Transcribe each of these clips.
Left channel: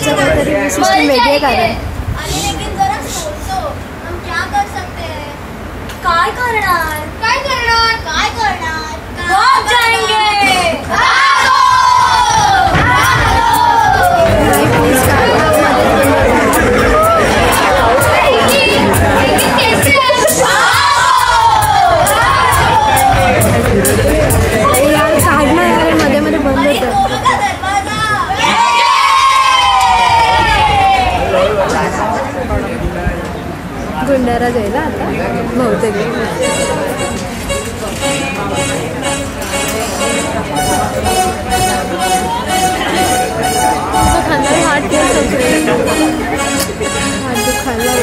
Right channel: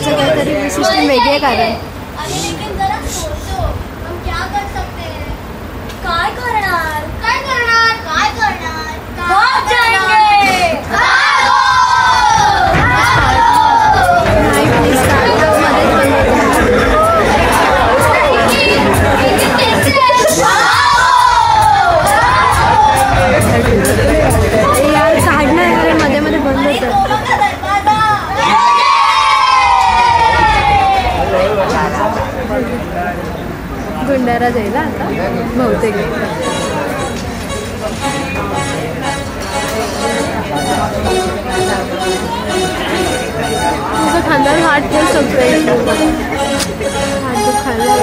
याचं काहीतरी सिस्टीम वेगळी आहे कारण काय करणार नाही प्लीज मध्ये यार काढणार अरे मध्ये मध्ये बंद होतं गुंडारा जाईल आता बहुतेक हात दुखायला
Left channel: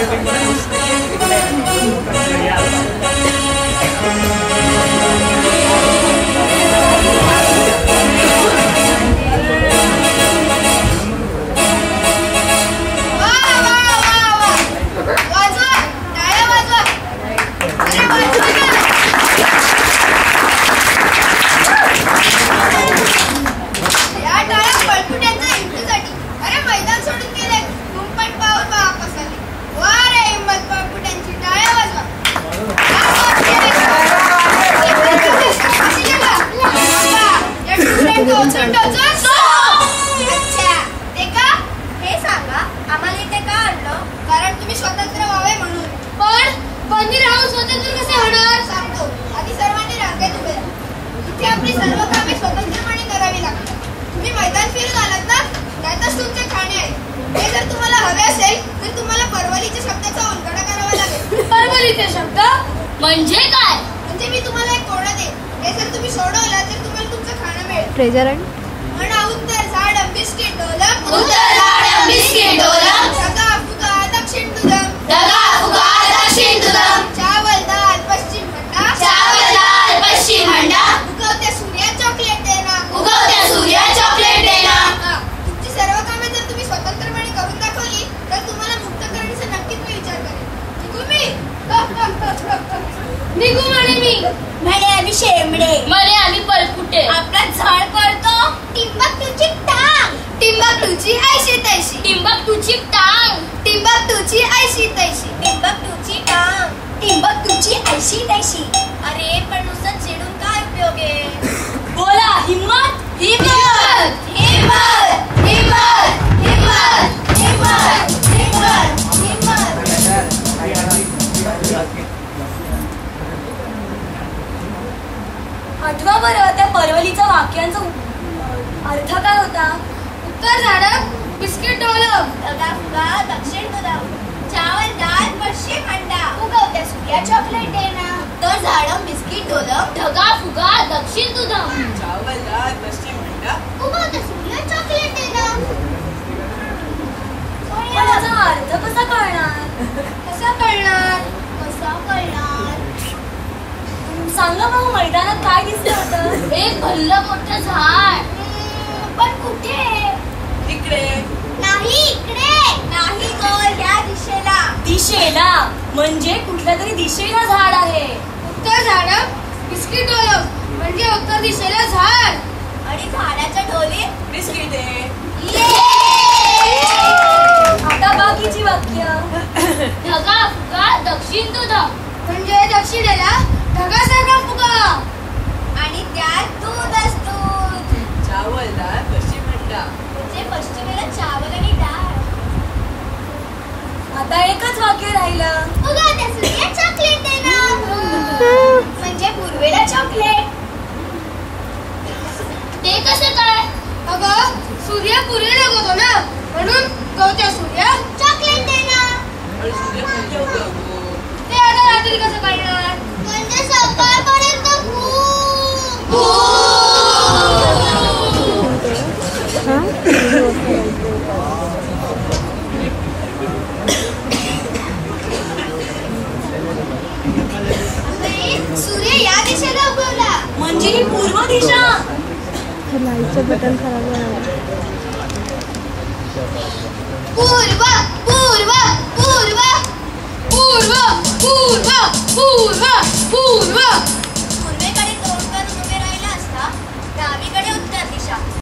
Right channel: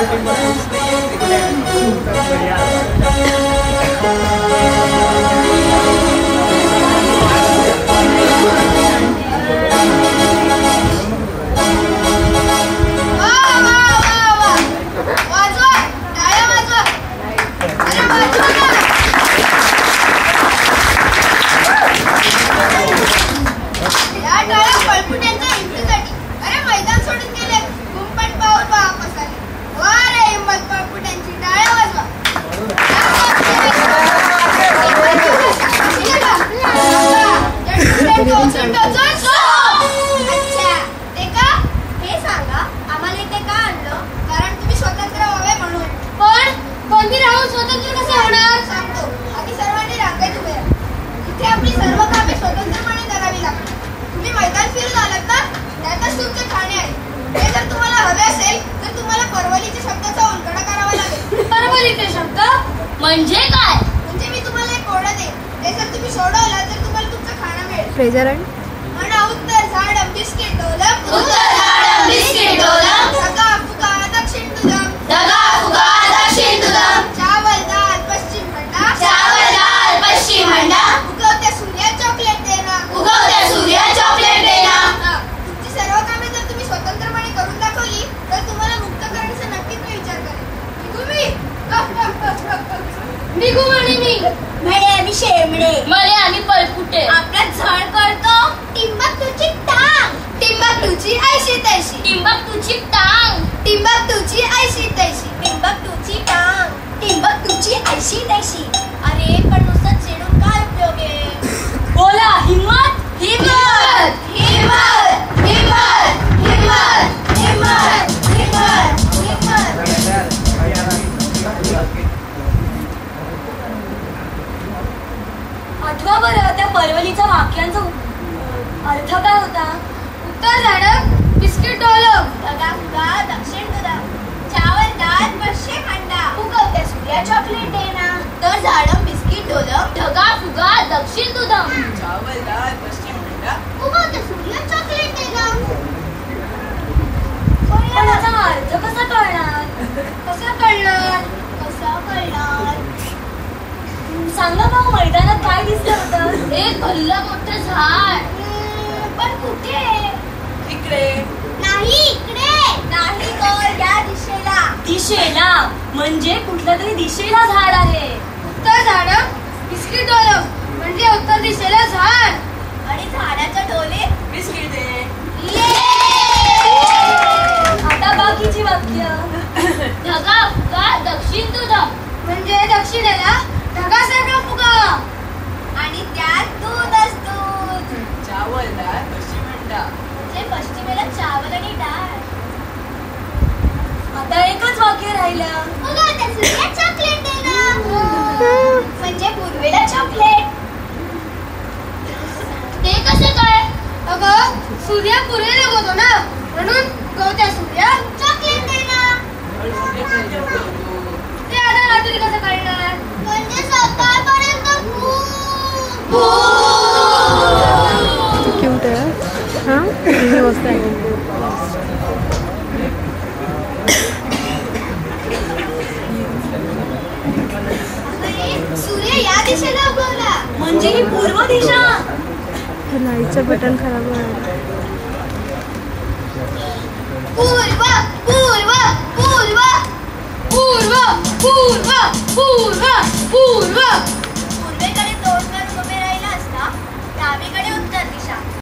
म्हणजे काय? म्हणजे मी तुम्हाला एक कोड देईन. हे जर तुम्ही सोडवलं तर तुम्हाला तुमचं खाणं मिळेल. प्रेझेंट म्हणा उत्तर झाड बिस्किट डोलक उत्तर झाड बिस्किट डोलक धगा फुगा दक्षिण तुदम धगा फुगा दक्षिण तुदम चावल दाल पश्चिम हंडा चावल दाल पश्चिम हंडा उगवत्या सूर्या चॉकलेट देना उगवत्या सूर्या चॉकलेट देना. तुमची सर्व कामे जर तुम्ही स्वतंत्रपणे करून दाखवली तर तुम्हाला मुक्त करण्याचा नक्कीच मी विचार करेन. निघू म्हणे मी म्हणे आम्ही शेमडे म्हणे आम्ही पलकुटे आपला झाड करतो टिंबकटूची टांग टिंबकटूची ऐशी तैशी टिंबकटूची टांग टिंबकटूची ऐशी तैशी टिंबकटूची टांग टिंबकटूची ऐशी तैशी. अरे पण नुसतं चिडून काय उपयोग आहे? बोला हिम्मत हिम्मत हिम्मत हिम्मत हिम्मत हिम्मत हिम्मत हिम्मत. आठवा बरं त्या परवलीचा वाक्यांचा अर्थ काय होता? उत्तर झाड बिस्किट डोलक धगा फुगा दक्षिण तुदम चावल दाल पश्चिम हंडा उगवत्या सूर्या चॉकलेट देना. तर झाड बिस्किट डोलक धगा फुगा दक्षिण तुदम चावल दाल पश्चिम हंडा उगवत्या सूर्या चॉकलेट देना. पण याचा अर्थ कसा कळणार? कसा कळणार? कसा कळणार? सांगा भाऊ मैदानात काय दिसलं होतं? एक भल्लं मोठं झाड. पण कुठे? इकडे नाही इकडे नाही गोल या दिशेला. दिशेला म्हणजे कुठल्या तरी दिशेला झाड आहे. उत्तर झाड बिस्किट डोलक म्हणजे उत्तर दिशेला झाड आणि झाडाच्या डोलीत बिस्किट आहे. आता बाकीची वाक्य. धगा फुगा दक्षिण तुदम म्हणजे दक्षिणेला ढगासारखा फुगा आणि त्यात दूधच दूध. चावल दाल पश्चिम हंडा म्हणजे पश्चिमेला चावल आणि डाळ. आता एकच वाक्य राहिलं. उगवत्या सूर्या चॉकलेट देना म्हणजे पूर्वेला चॉकलेट. ते कसं काय? अगं सूर्य पूर्वेला उगवतो ना म्हणून उगवत्या सूर्या चॉकलेट देना. आणि सूर्य कुठे उगवतो? ते आता रात्री कसं कळणार? म्हणजे सकाळपर्यंत सूर्य या दिशेला उगवला म्हणजे ही पूर्व दिशा. लाईटचं बटन खराब होणार. पूर्व पूर्व पूर्व पूर्व पूर्व पूर्व पूर्व